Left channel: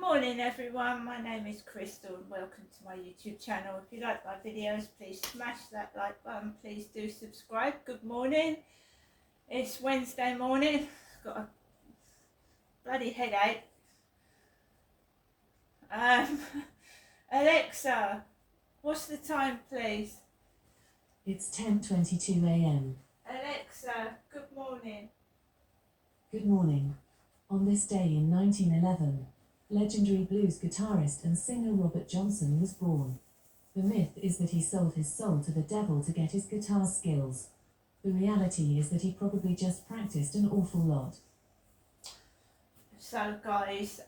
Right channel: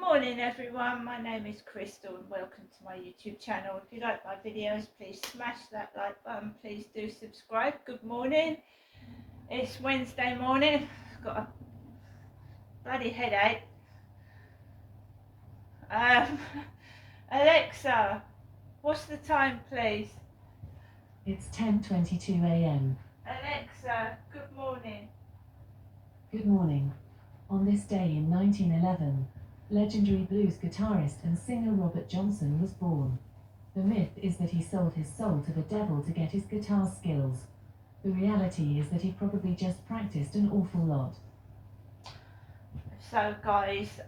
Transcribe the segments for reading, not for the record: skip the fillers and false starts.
morning everyone, my name is Crystal and welcome to my YouTube channel. If you like my videos, please smash that like button, please do subscribe. Good morning, it's Wednesday morning, I've got a bloody headache. Alexa, what's the time please? It's 10:22 a.m. Alexa, good morning. Good morning. On this day in 1911, legendary blues guitarist and singer Robert Johnson was born. The myth is that he sold his soul to the devil to get his guitar skills. The reality is that he probably just practiced an awful lot. So guys,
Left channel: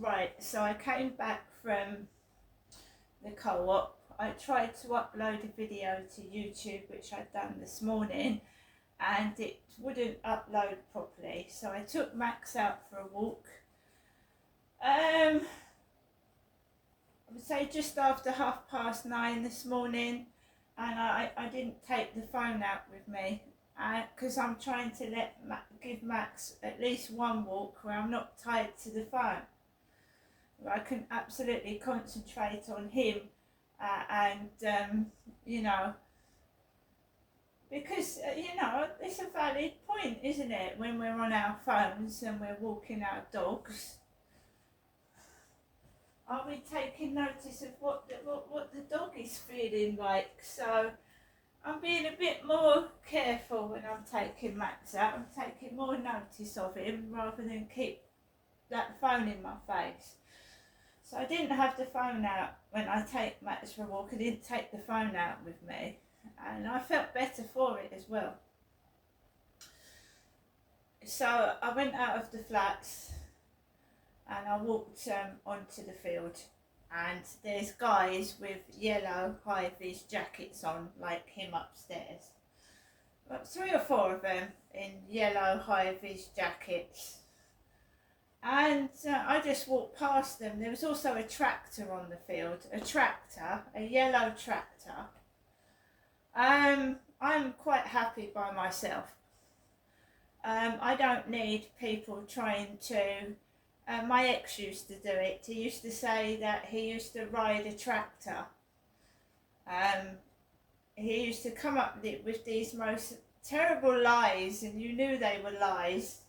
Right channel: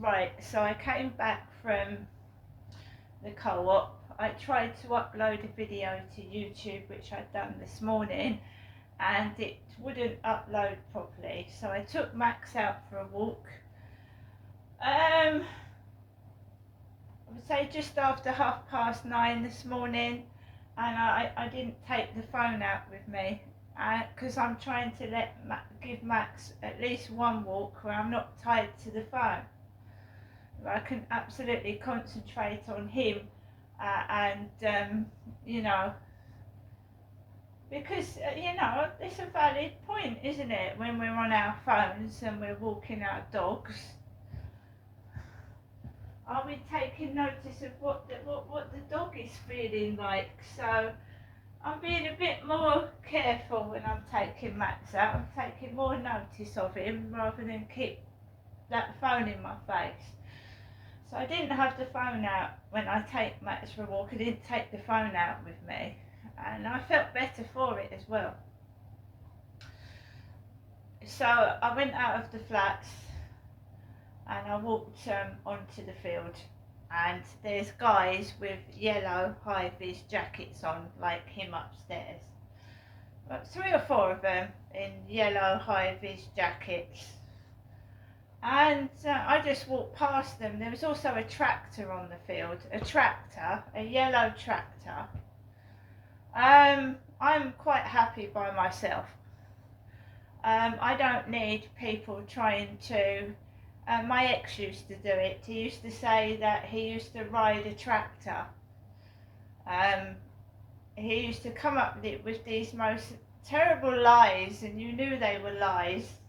right, so I came back from the co-op. I tried to upload a video to YouTube, which I'd done this morning, and it wouldn't upload properly, so I took Max out for a walk. I would say just after 9:30 this morning, and I didn't take the phone out with me because I'm trying to give Max at least one walk where I'm not tied to the phone, where I can absolutely concentrate on him and you know, because you know, it's a valid point, isn't it, when we're on our phones and we're walking our dogs? Are we taking notice of what the dog is feeling like? So I'm being a bit more careful when I'm taking Max out. I'm taking more notice of him rather than keep that phone in my face. So I didn't have the phone out when I take Max for a walk. I didn't take the phone out with me, and I felt better for it as well. So I went out of the flats and I walked onto the field, and there's guys with yellow high-vis jackets on, like him upstairs. But 3 or 4 of them in yellow high-vis jackets, and I just walked past them. There was also a tractor on the field, a yellow tractor. I'm quite happy by myself. I don't need people trying to. My ex used to do it. He used to say that he used to ride a tractor. He used to come up with these most terrible lies, and you knew they were lies.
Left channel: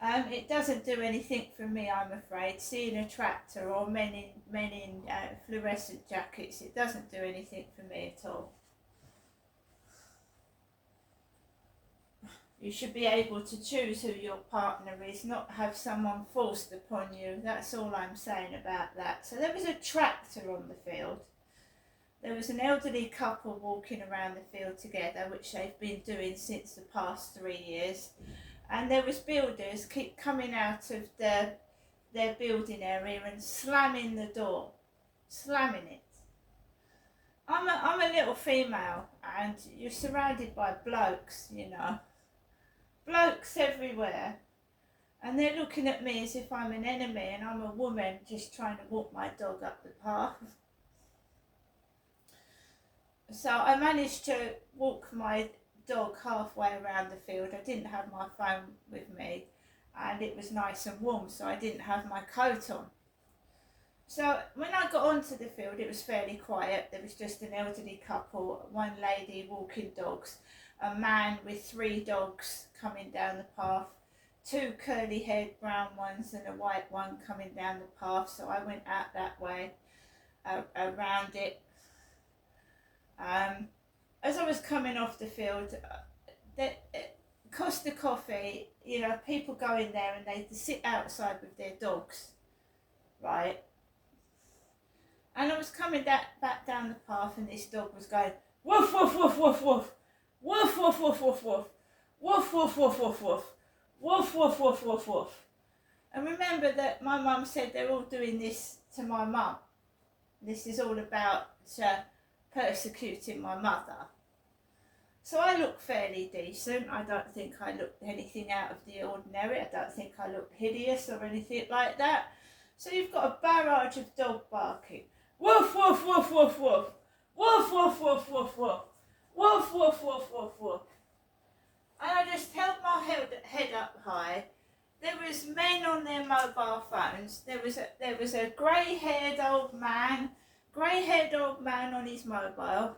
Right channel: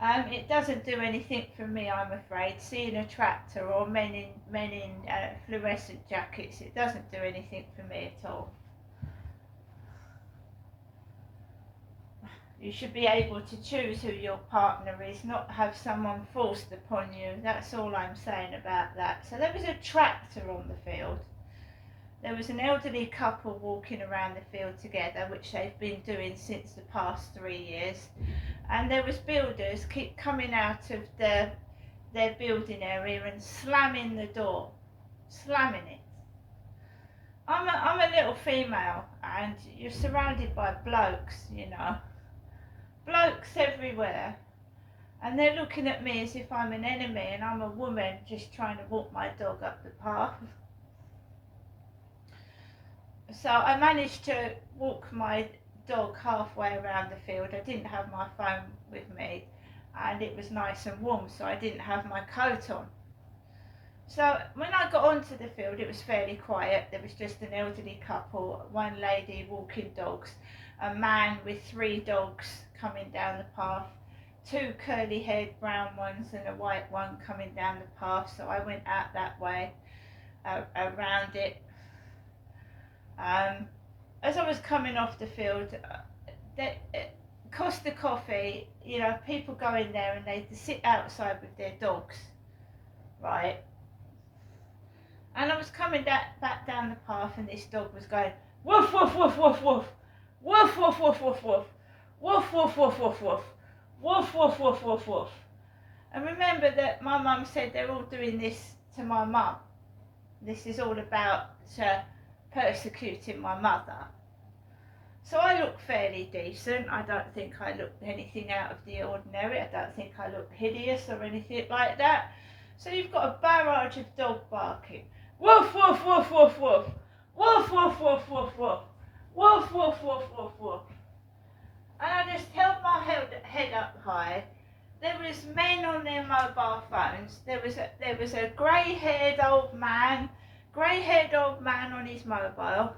It doesn't do anything for me, I'm afraid. Seeing a tractor or men in fluorescent jackets, it doesn't do anything for me at all. You should be able to choose who your partner is, not have someone forced upon you. That's all I'm saying about that. So there was a tractor on the field. There was an elderly couple walking around the field together, which they've been doing since the past 3 years. And there was builders keep coming out of their building area and slamming the door, slamming it. I'm a little female, and you're surrounded by blokes, you know. Blokes everywhere, and they're looking at me as if I'm an enemy, and I'm a woman just trying to walk my dog up the path. So I managed to walk my dog halfway around the field. I didn't have my phone with me, and it was nice and warm, so I didn't have my coat on. So when I got onto the field, it was fairly quiet. There was just an elderly couple, one lady walking dogs, a man with 3 dogs coming down the path, 2 curly-haired brown ones and a white one coming down the path. So I went out that way, around it. As I was coming off the field, Costa Coffee, you know, people go in there and they sit outside with their dogs, right? And I was coming back down the path, and this dog was going woof woof woof woof woof, woof woof woof woof woof, woof woof woof woof woof, woof woof woof woof woof. And remember that my mum said they're all doing this to my mum. This is all about persecuting my mother. So I look fairly decent. I don't think I look anything out of the ordinary. I don't think I look hideous or anything like that. So you've got a barrage of dog barking. Woof woof woof woof woof, woof woof woof woof woof, woof woof woof woof woof. And I just held my head up high. There was was men on their mobile phones. There was a grey-haired old man on his mobile.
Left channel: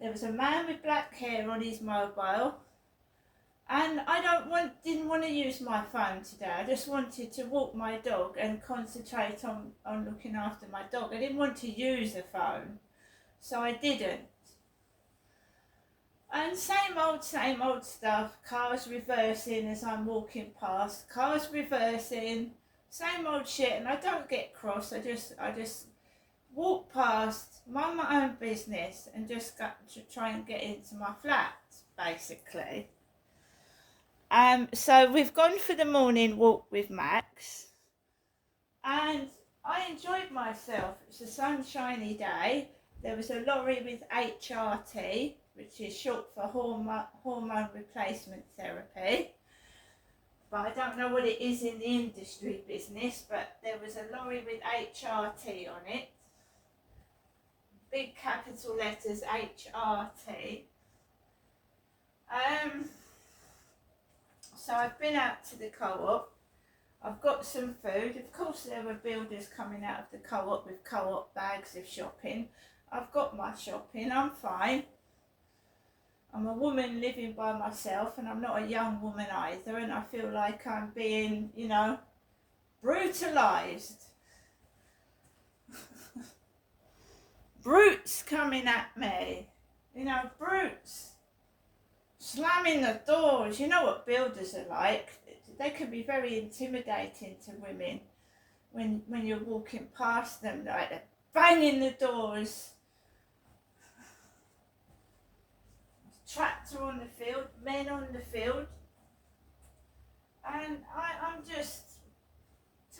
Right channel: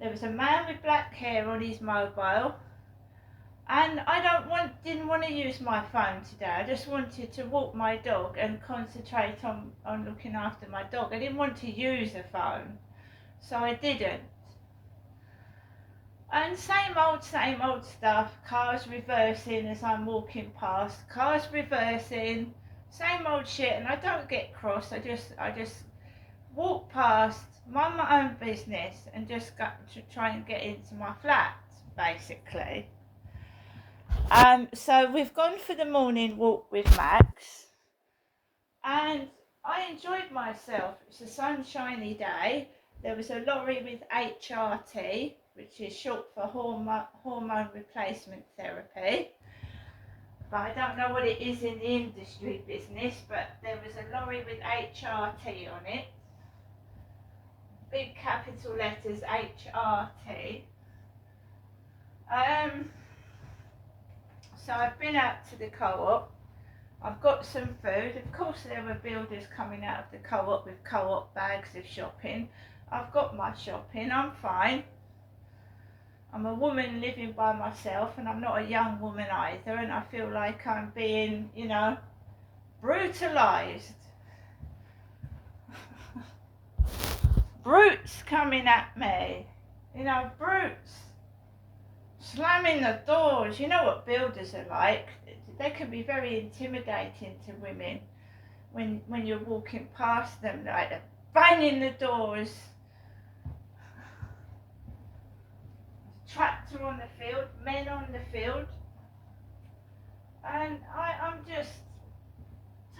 There was a man with black hair on his mobile. And I didn't want to use my phone today. I just wanted to walk my dog and concentrate on looking after my dog. I didn't want to use a phone, so I didn't. And same old stuff. Cars reversing as I'm walking past. Cars reversing. Same old shit. And I don't get cross. I just walk past, mind my own business, and just go to try and get into my flat, basically. So we've gone for the morning walk with Max, and I enjoyed myself. It's a sunshiny day. There was a lorry with HRT, which is short for hormone replacement therapy. But I don't know what it is in the industry business, but there was a lorry with HRT on it. Big capital letters, HRT. So I've been out to the co-op. I've got some food. Of course there were builders coming out of the co-op with co-op bags of shopping. I've got my shopping, I'm fine. I'm a woman living by myself, and I'm not a young woman either, and I feel like I'm being, brutalised. Brutes coming at me, brutes. Slamming the doors. You know what builders are like. They can be very intimidating to women when you're walking past them, like they're banging the doors. Tractor on the field, men on the field, and I'm just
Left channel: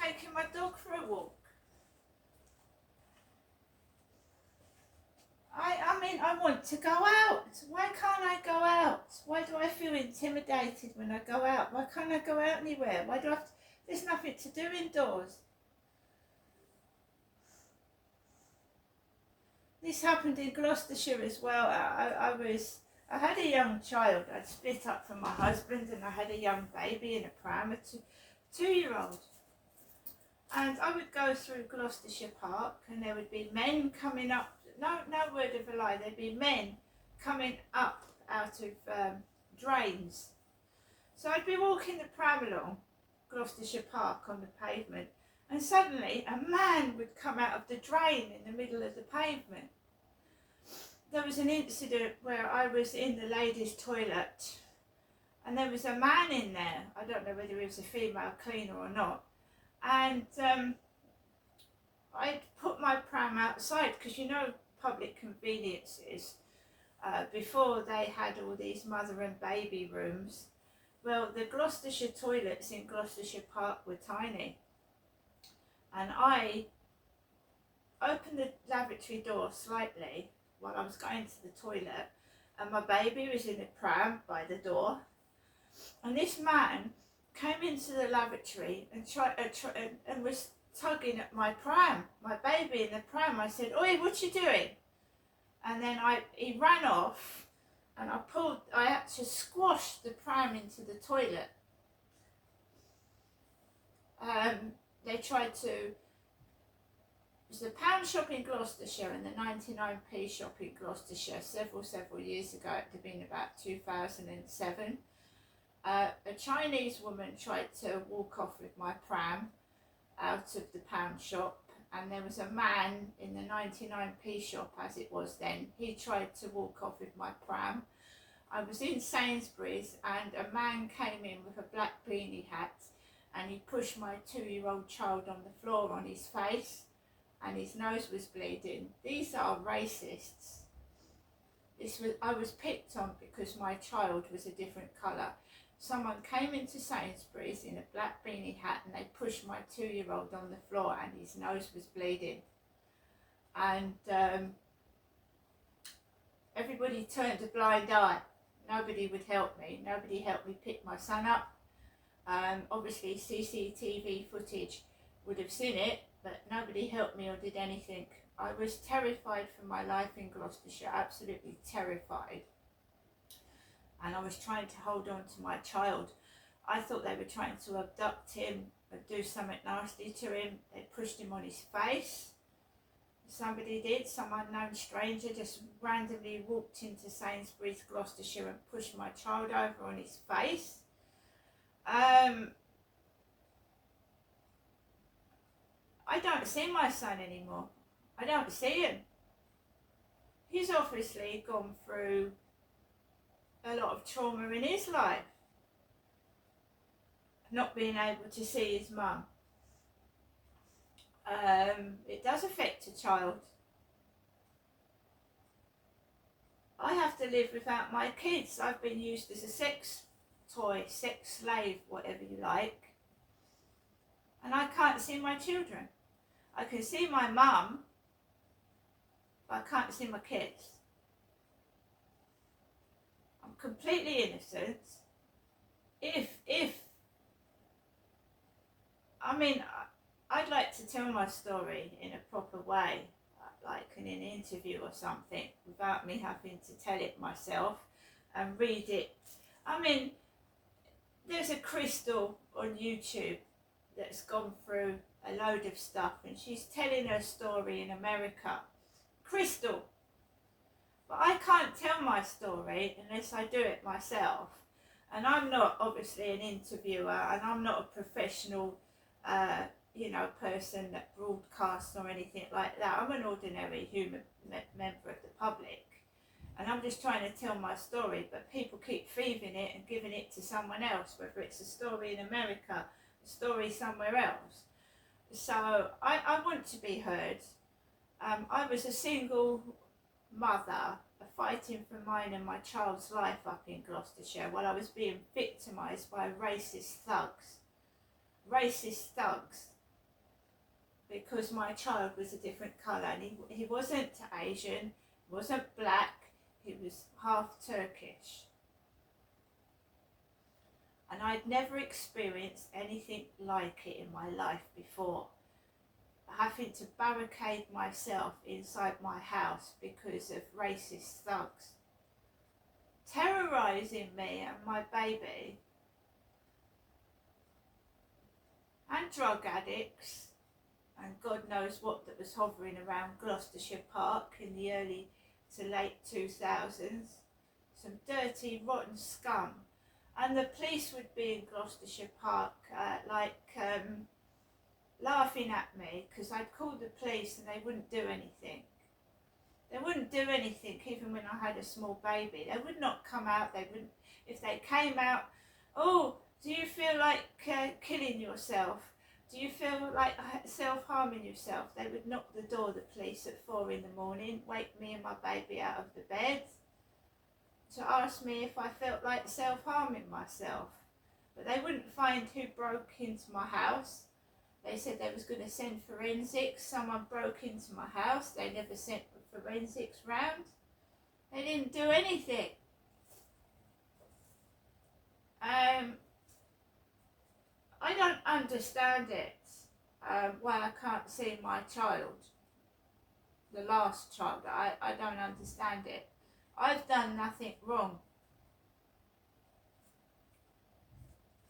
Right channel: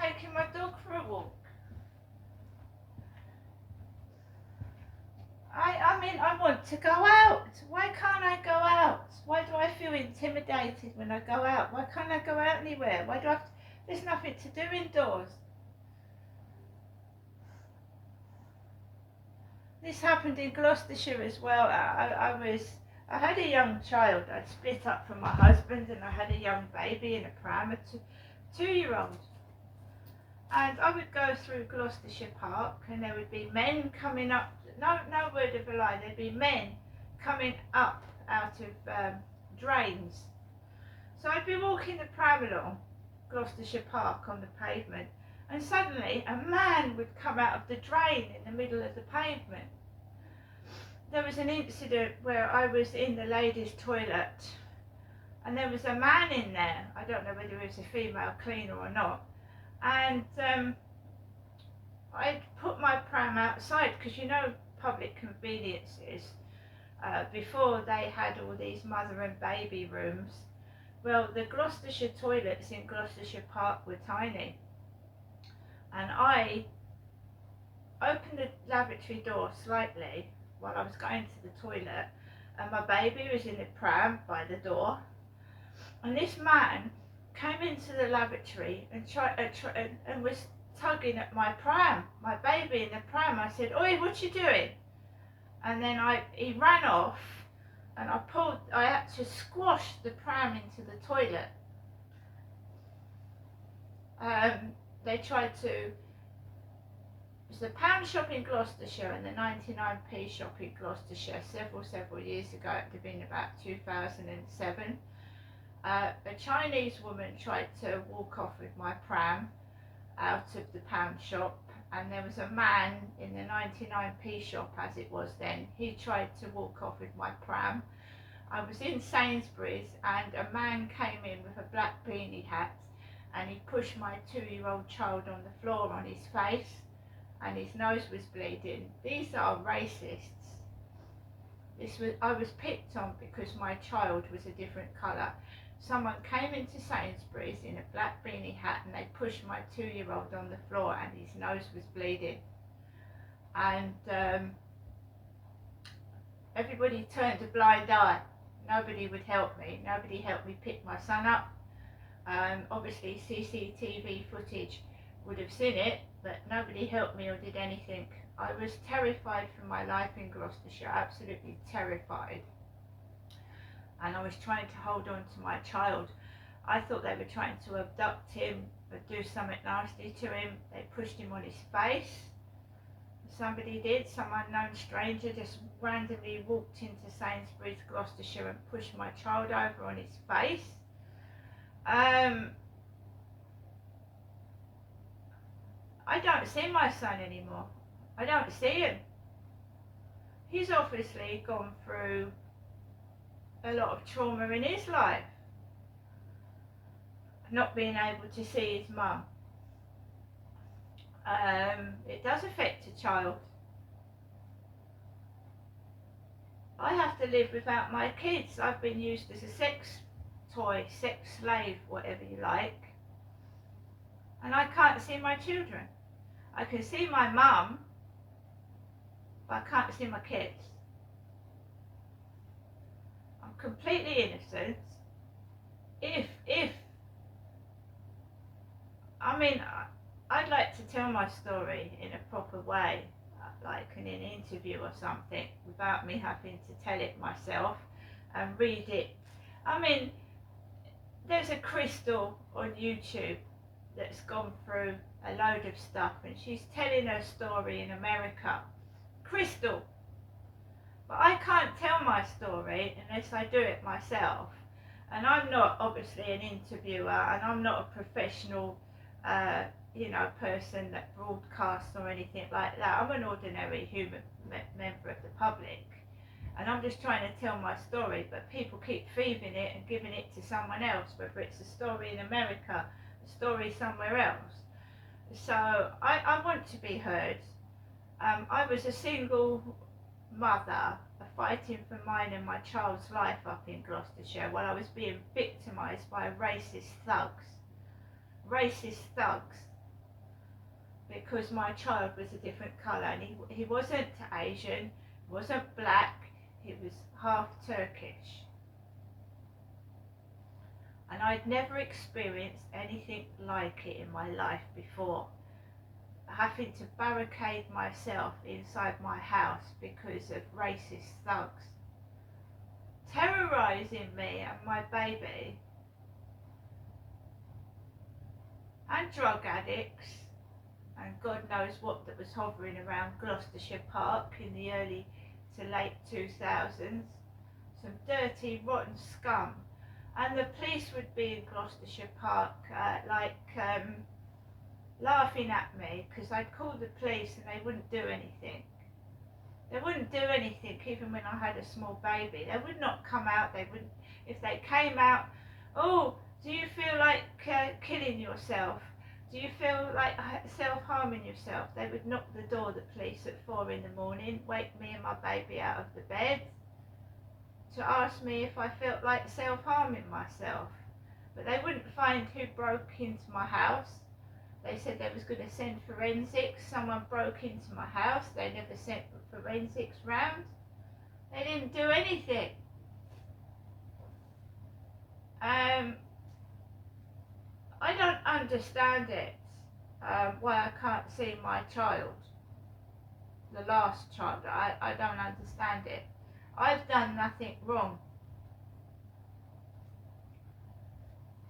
taking my dog for a walk. I want to go out. Why can't I go out? Why do I feel intimidated when I go out? Why can't I go out anywhere? Why do I have to, there's nothing to do indoors. This happened in Gloucestershire as well. I had a young child. I'd split up from my husband, and I had a young baby in a pram, a two-year-old. And I would go through Gloucestershire Park, and there would be men coming up. No word of a lie. There'd be men coming up out of drains. So I'd be walking the pram along Gloucestershire Park on the pavement, and suddenly a man would come out of the drain in the middle of the pavement. There was an incident where I was in the ladies' toilet, and there was a man in there. I don't know whether he was a female cleaner or not. And I'd put my pram outside, because public conveniences, before they had all these mother and baby rooms, well, the Gloucestershire toilets in Gloucestershire Park were tiny. And I opened the lavatory door slightly while I was going to the toilet, and my baby was in the pram by the door, and this man came into the lavatory and and was tugging at my pram, my baby in the pram. I said, "Oi, what you doing?" And then he ran off, and I had to squash the pram into the toilet. They tried to, it was the pound shop in Gloucestershire and the 99p shop in Gloucestershire several years ago. It would have been about 2007. A Chinese woman tried to walk off with my pram out of the pound shop, and there was a man in the 99p shop, as it was then. He tried to walk off with my pram. I was in Sainsbury's, and a man came in with a black beanie hat, and he pushed my 2-year-old child on the floor on his face, and his nose was bleeding. These are racists. I was picked on because my child was a different colour. Someone came into Sainsbury's in a black beanie hat, and they pushed my 2-year-old on the floor, and his nose was bleeding. And everybody turned a blind eye. Nobody would help me. Nobody helped me pick my son up. Obviously CCTV footage would have seen it, but nobody helped me or did anything. I was terrified for my life in Gloucestershire, absolutely terrified. And I was trying to hold on to my child. I thought they were trying to abduct him or do something nasty to him. They pushed him on his face. Somebody did, some unknown stranger just randomly walked into Sainsbury's, Gloucestershire, and pushed my child over on his face. I don't see my son anymore. I don't see him. He's obviously gone through a lot of trauma in his life. Not being able to see his mum. It does affect a child. I have to live without my kids. I've been used as a sex toy, sex slave, whatever you like. And I can't see my children. I can see my mum, but I can't see my kids. I'm completely innocent. I'd like to tell my story in a proper way, like in an interview or something, without me having to tell it myself and read it. There's a Crystal on YouTube that's gone through a load of stuff, and she's telling her story in America. Crystal. But I can't tell my story unless I do it myself. And I'm not obviously an interviewer, and I'm not a professional person that broadcasts or anything like that. I'm an ordinary human member of the public, and I'm just trying to tell my story, but people keep thieving it and giving it to someone else, whether it's a story in America, a story somewhere else. So I want to be heard. I was a single mother fighting for mine and my child's life up in Gloucestershire while I was being victimised by racist thugs. Because my child was a different colour, and he wasn't Asian, wasn't black, he was half Turkish. And I'd never experienced anything like it in my life before. Having to barricade myself inside my house because of racist thugs. Terrorising me and my baby. And drug addicts. And God knows what that was hovering around Gloucestershire Park in the early to late 2000s. Some dirty, rotten scum. And the police would be in Gloucestershire Park laughing at me because I'd call the police and they wouldn't do anything. They wouldn't do anything even when I had a small baby. They would not come out. They wouldn't. If they came out, oh, do you feel like killing yourself? Do you feel like self-harming yourself? They would knock the door, the police, at 4 in the morning, wake me and my baby out of the bed to ask me if I felt like self-harming myself. But they wouldn't find who broke into my house. They said they was going to send forensics. Someone broke into my house. They never sent forensics round. They didn't do anything. I don't understand it, why I can't see my child, the last child. I don't understand it. I've done nothing wrong.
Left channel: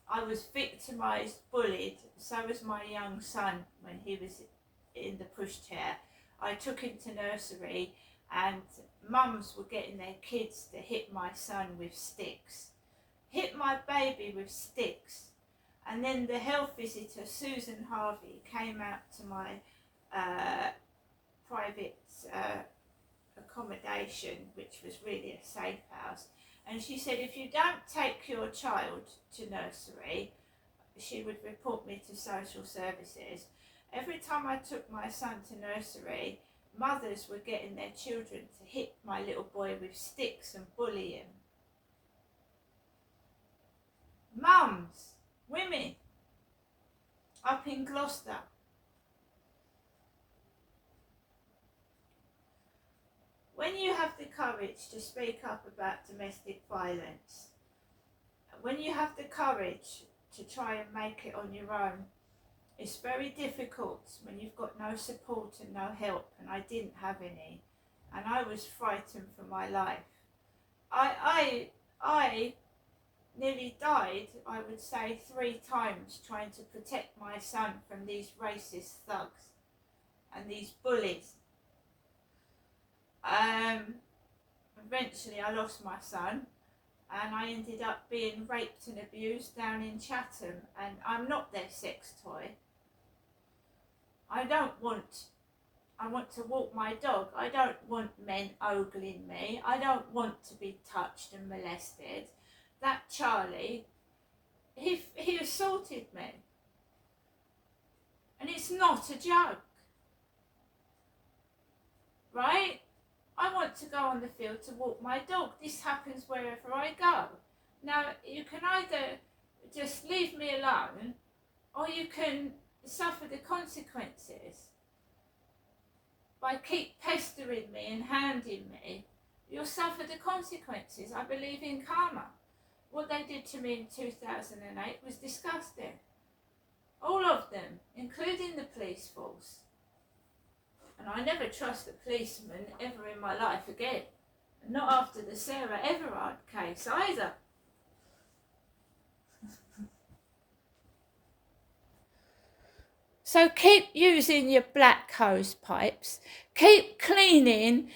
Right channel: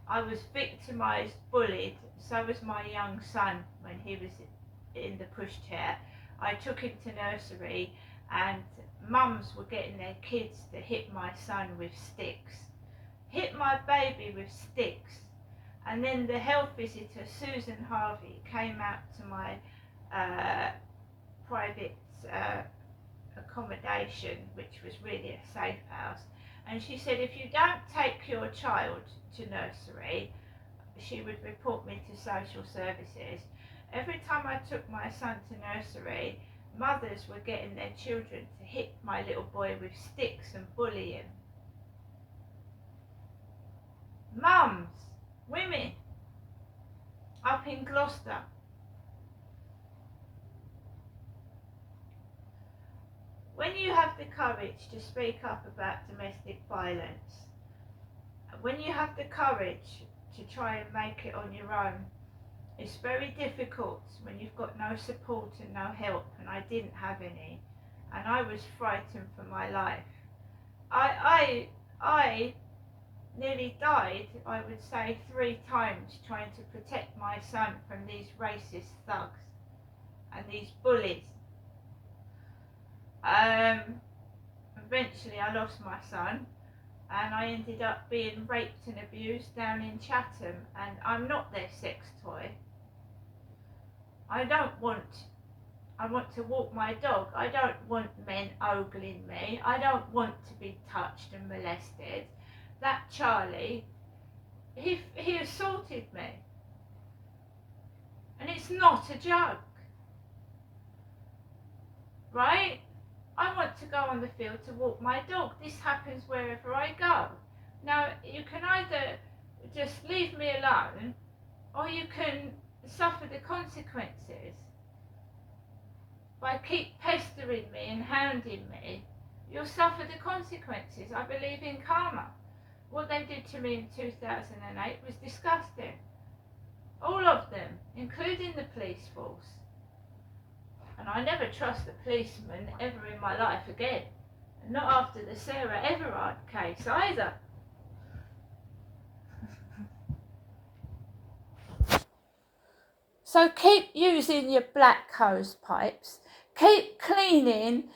I was victimised, bullied. So was my young son when he was in the pushchair. I took him to nursery, and mums were getting their kids to hit my son with sticks. Hit my baby with sticks. And then the health visitor, Susan Harvey, came out to my private accommodation, which was really a safe house. And she said, if you don't take your child to nursery, she would report me to social services. Every time I took my son to nursery, mothers were getting their children to hit my little boy with sticks and bully him. Mums, women, up in Gloucester. When you have the courage to speak up about domestic violence, when you have the courage to try and make it on your own, it's very difficult when you've got no support and no help, and I didn't have any, and I was frightened for my life. I nearly died, I would say, 3 times trying to protect my son from these racist thugs and these bullies. Eventually I lost my son and I ended up being raped and abused down in Chatham, and I'm not their sex toy. I want to walk my dog. I don't want men ogling me. I don't want to be touched and molested. That Charlie, he assaulted me. And it's not a joke. Right? I want to go on the field to walk my dog. This happens wherever I go. Now, you can either just leave me alone, or you can suffer the consequences. By keep pestering me and hounding me, you'll suffer the consequences. I believe in karma. What they did to me in 2008 was disgusting. All of them, including the police force. And I never trust a policeman ever in my life again. And not after the Sarah Everard case either. So keep using your black hose pipes. Keep cleaning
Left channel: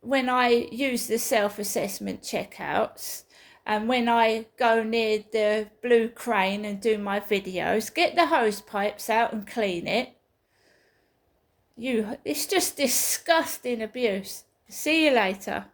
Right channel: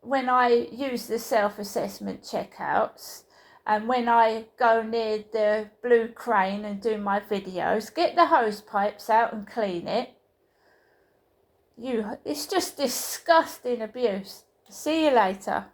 when I use the self-assessment checkouts. And when I go near the blue crane and do my videos, get the hose pipes out and clean it. It's just disgusting abuse. See you later.